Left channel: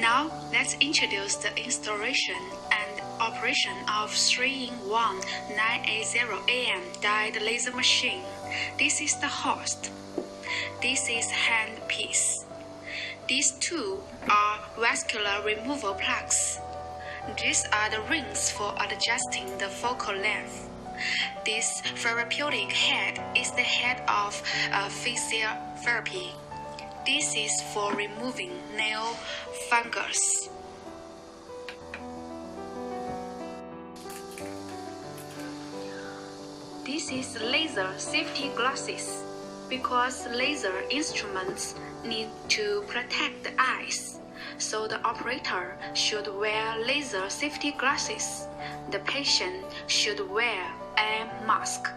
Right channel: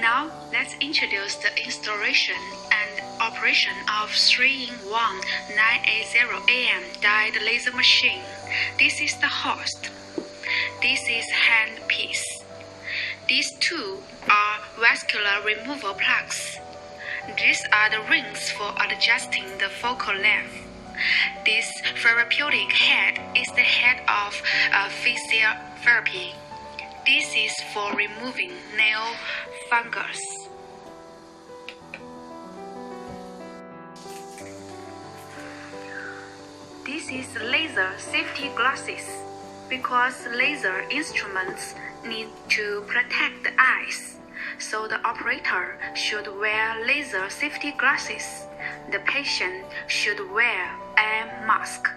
Now, let's introduce the installation and operation of 3-in-1 980AM diode laser machine. This is the host. This is handpiece. These two are vascular removal plugs. These are the rings for adjusting the focal length. This therapeutic head is the head of physiotherapy. This is for removing nail fungus. This is laser safety glasses because laser instruments need to protect the eyes, so the operator should wear laser safety glasses. The patient should wear a mask.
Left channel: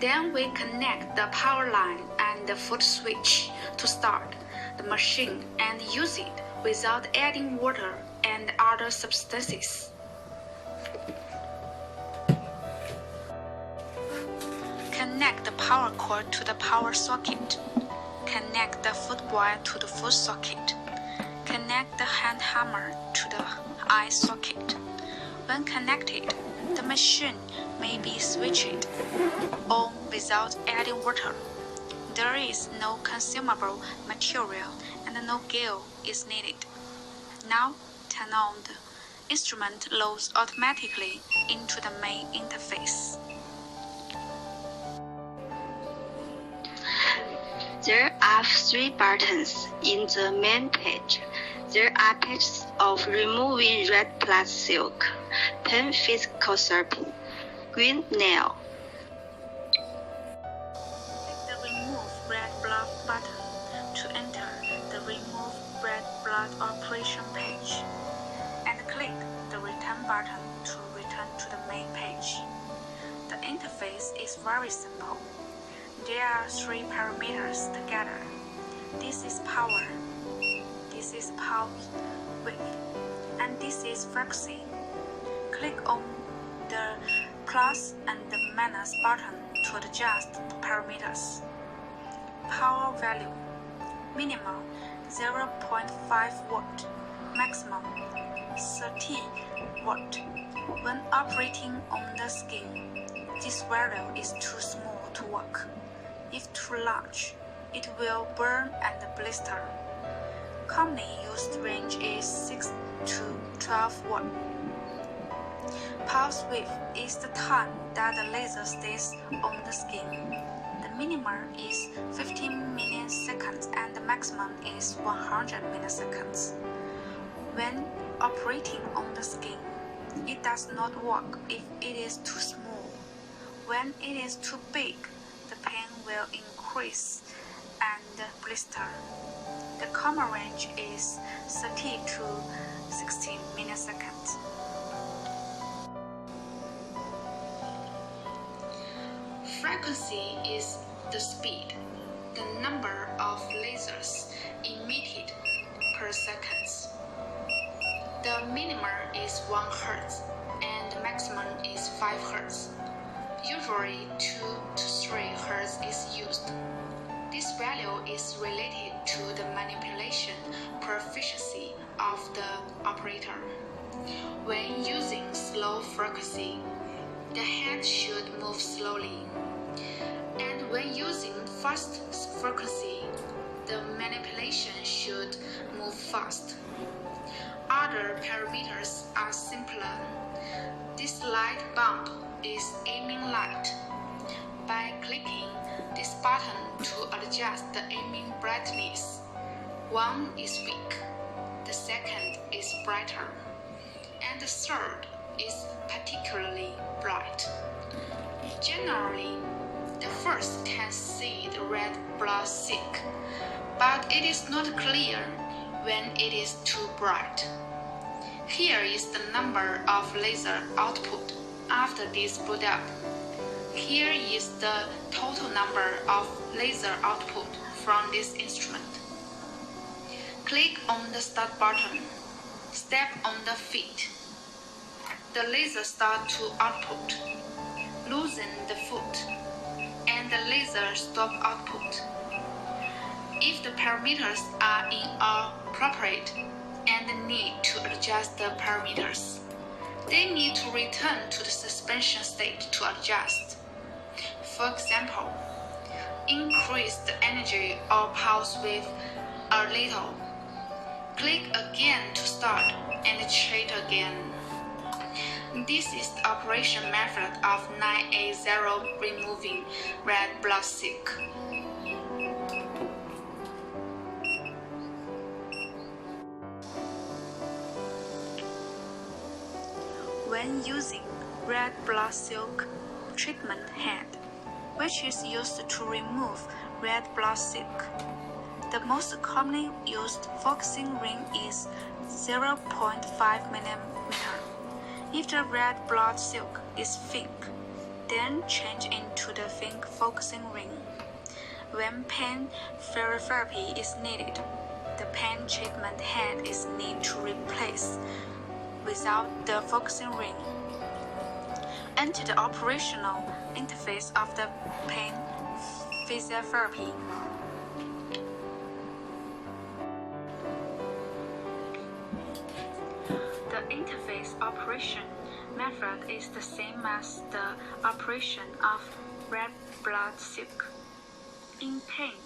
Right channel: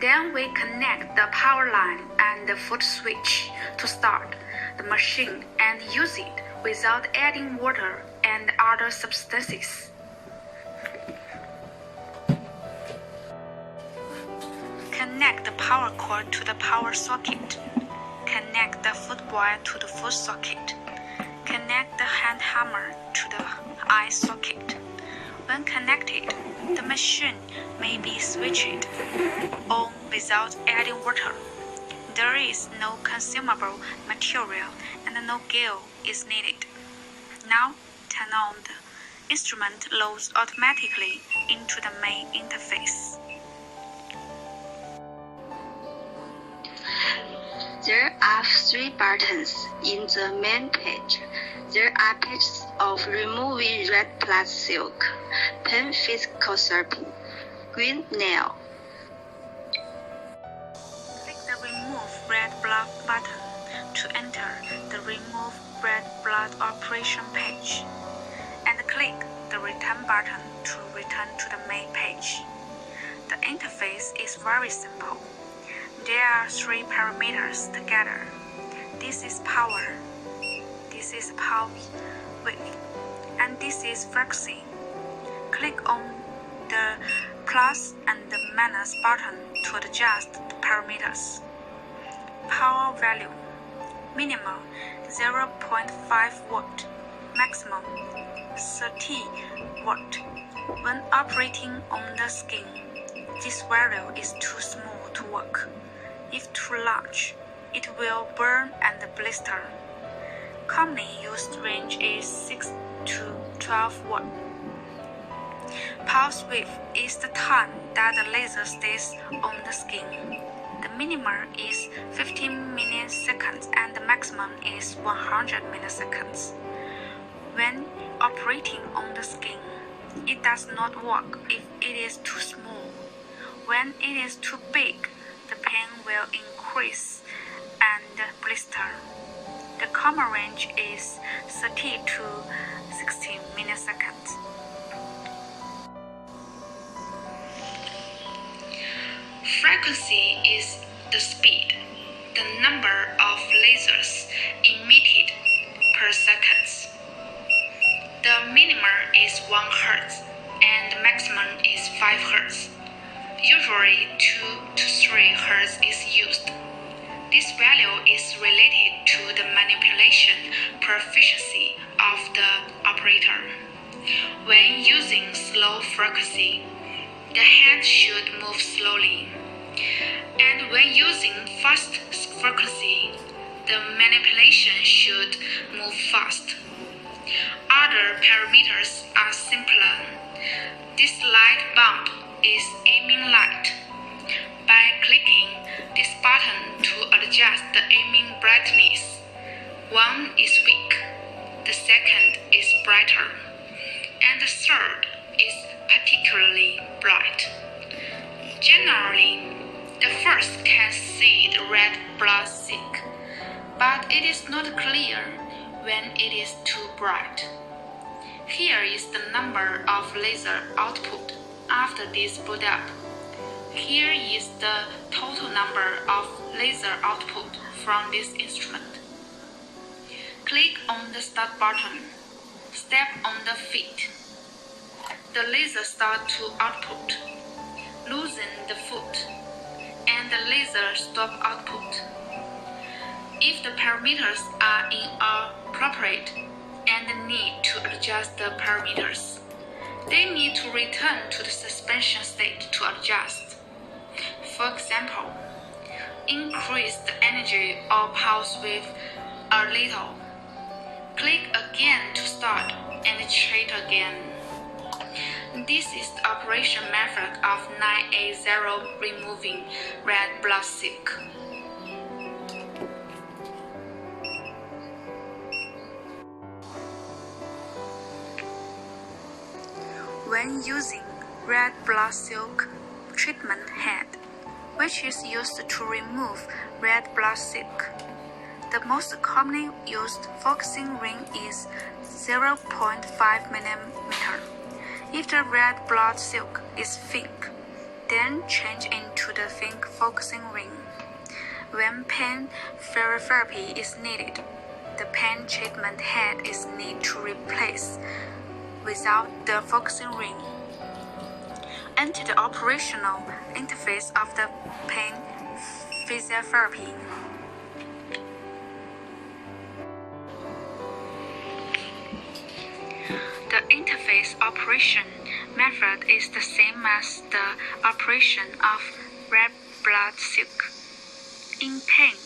Then we connect the power line and the foot switch to start the machine and use it without adding water and other substances. Connect the power cord to the power socket. Connect the footboy to the foot socket. Connect the hand hammer to the eye socket. When connected, the machine may be switched on without adding water. There is no consumable material and no gear is needed. Now, turn on the instrument loads automatically into the main interface. There are 3 buttons in the main page. There are pages of removing red blood silk, pen physical therapy, green nail. Click the Remove Red Blood button to enter the Remove Red Blood operation page, and click the Return button to return to the main page. The interface is very simple. There are 3 parameters together. This is power, this is pulse width, and this is frequency. Click on the plus and the minus button to adjust the parameters. Power value: minimum 0.5 watt, maximum 30 watt. When operating on the skin, this value is too small to work. If too large, it will burn and blister. Commonly used range is 6 to 12 watt. Pulse width is the time that the laser stays on the skin. The minimum is 15 milliseconds and the maximum is 100 milliseconds. When operating on the skin, it does not work if it is too small. When it is too big, the pain will increase and blister. The common range is 30 to 60 milliseconds. Frequency is the speed, the number of lasers emitted per second. The minimum is 1 Hz and the maximum is 5 Hz. Usually 2 to 3 Hz is used. This value is related to the manipulation proficiency of the operator. When using slow frequency, the hand should move slowly. And when using fast frequency, the manipulation should move fast. Other parameters are simpler. This light bulb is aiming light. By clicking this button to adjust the aiming brightness, one is weak, the second is brighter, and the third is particularly bright. Generally, the first can see the red blood silk, but it is not clear when it is too bright. Here is the number of laser output after this boot up. Here is the total number of laser output from this instrument. Click on the Start button. Step on the feet. The laser starts to output. Loosen the foot, and the laser stop output. If the parameters are inappropriate, and need to adjust the parameters. They need to return to the suspension state to adjust. For example, increase the energy or pulse width a little. Click again to start and check again. This is the operation method of 980 removing red blood silk. When using red blood silk treatment head, which is used to remove red blood silk, the most commonly used focusing ring is 0.5 mm. If the red blood silk is thick, then change into the thin focusing ring. When pain therapy is needed, the pain treatment head is needed to replace without the focusing ring. Enter the operational interface of the pain physiotherapy. The interface operation method is the same as the operation of red blood silk. In pain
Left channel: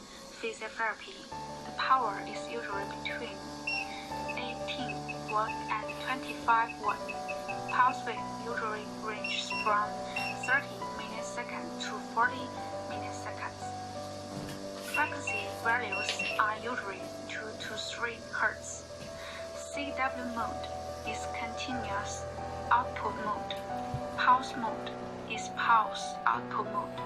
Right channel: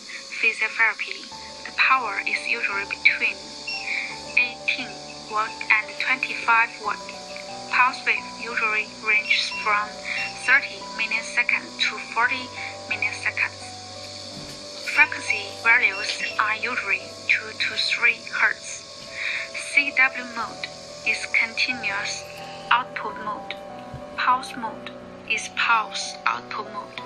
physiotherapy, the power is usually between 18 watt and 25 watt. Pulse width usually ranges from 30 milliseconds to 40 milliseconds. Frequency values are usually 2 to 3 Hz. CW mode is continuous output mode. Pulse mode is pulse output mode.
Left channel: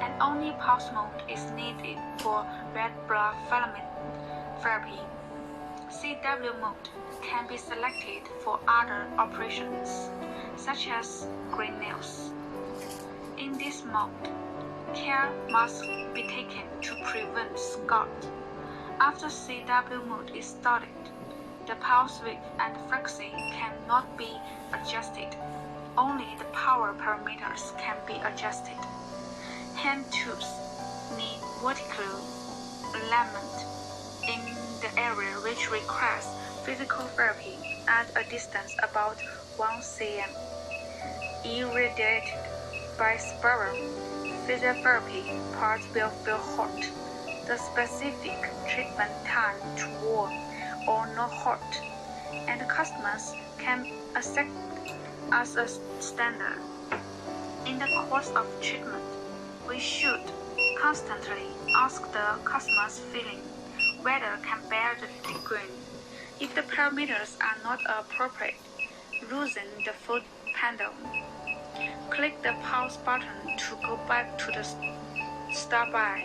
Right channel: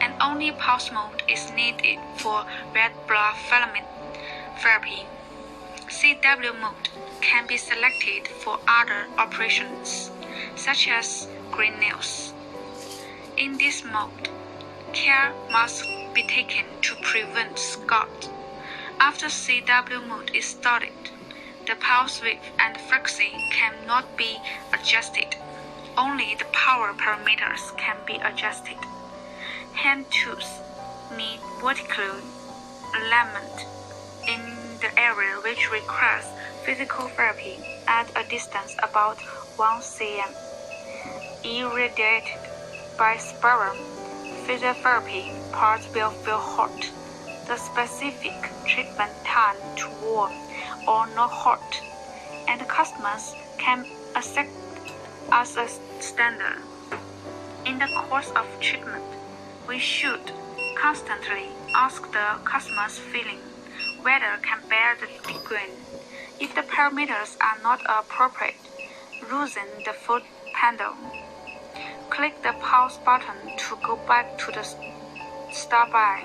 And only pulse mode is needed for red blood filament therapy. CW mode can be selected for other operations, such as green nails. In this mode, care must be taken to prevent scald. After CW mode is started, the pulse width and frequency cannot be adjusted. Only the power parameters can be adjusted. Hand tools need vertical alignment in the area which requires physical therapy at a distance about 1 cm. Irradiated by spiral physiotherapy parts will feel hot. The specific treatment time to warm or not hot, and customers can accept as a standard. In the course of treatment, we should constantly ask the customer's feeling whether can bear the degree. If the parameters are not appropriate, loosen the foot pedal. Click the pause button to go back to the start by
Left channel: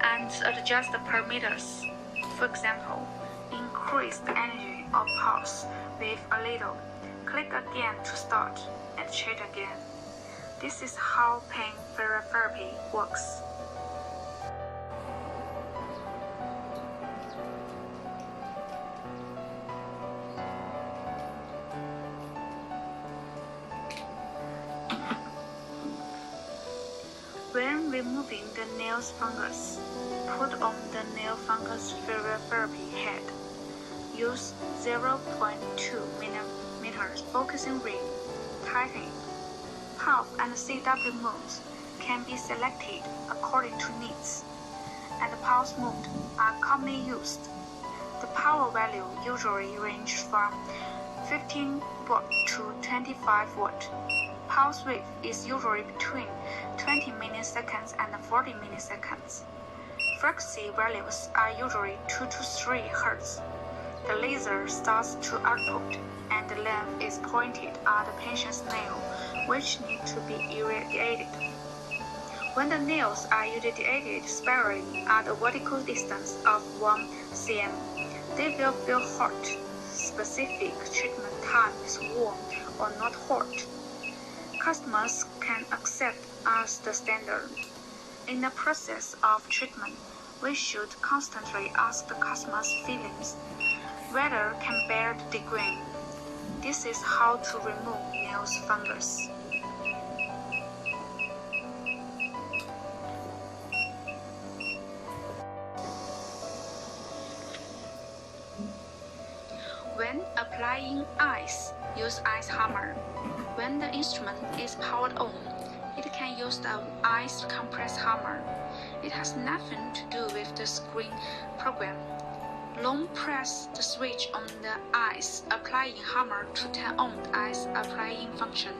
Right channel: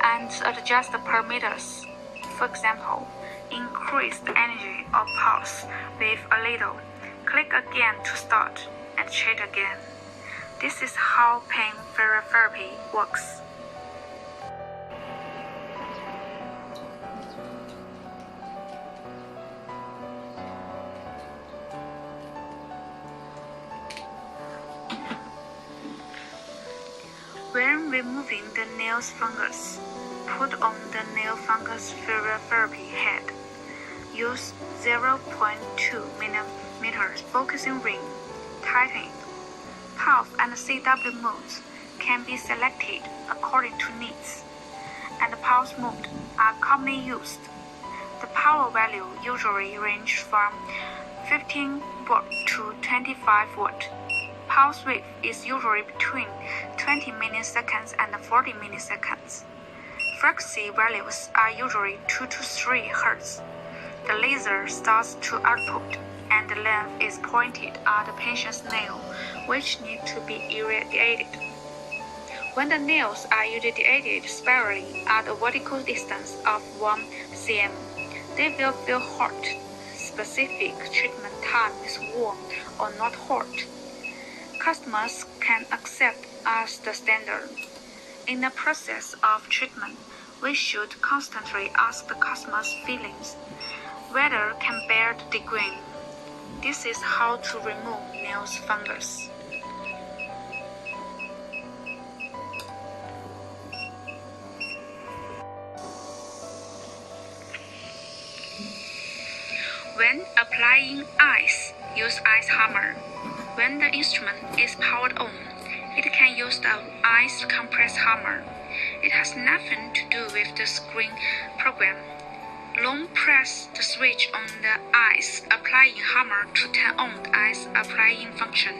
and adjust the parameters. For example, increase the energy of pulse with a little. Click again to start and check again. This is how pain therapy works. When removing the nail fungus, put on the nail fungus therapy head. Use 0.2 mm focusing ring. Tighten it. Pulse and CW modes can be selected according to needs, and pulse mode are commonly used. The power value usually ranges from 15 watt to 25 watt. Pulse width is usually between 20 milliseconds and 40 milliseconds. Frequency values are usually 2 to 3 Hz. The laser starts to output, and the length is pointed at the patient's nail, which need to be irradiated. When the nails are irradiated spirally at a vertical distance of 1 cm, they will feel hot. Specific treatment time is warm or not hot. Customers can accept as the standard. In the process of treatment, we should constantly ask the customer's feelings, whether can bear the degree. This is how to remove nail fungus. When applying ice, use ice hammer. When the instrument is powered on, it can use the ice compress hammer. It has nothing to do with the screen program. Long press the switch on the ice applying hammer to turn on the ice applying function.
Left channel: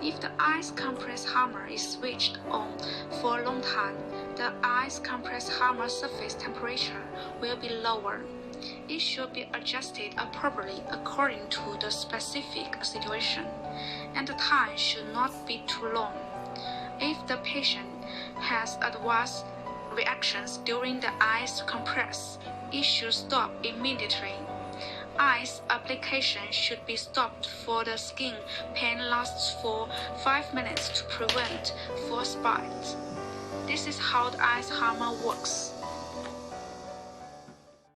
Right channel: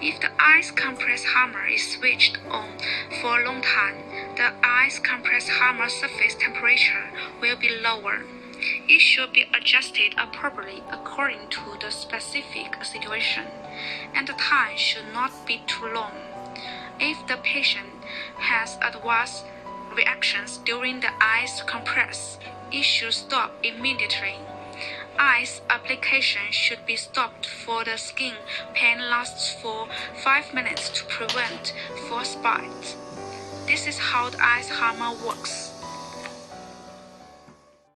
If the ice compress hammer is switched on for a long time, the ice compress hammer surface temperature will be lower. It should be adjusted appropriately according to the specific situation, and the time should not be too long. If the patient has adverse reactions during the ice compress, it should stop immediately. Ice application should be stopped for the skin pain lasts for 5 minutes to prevent frostbite. This is how the ice hammer works.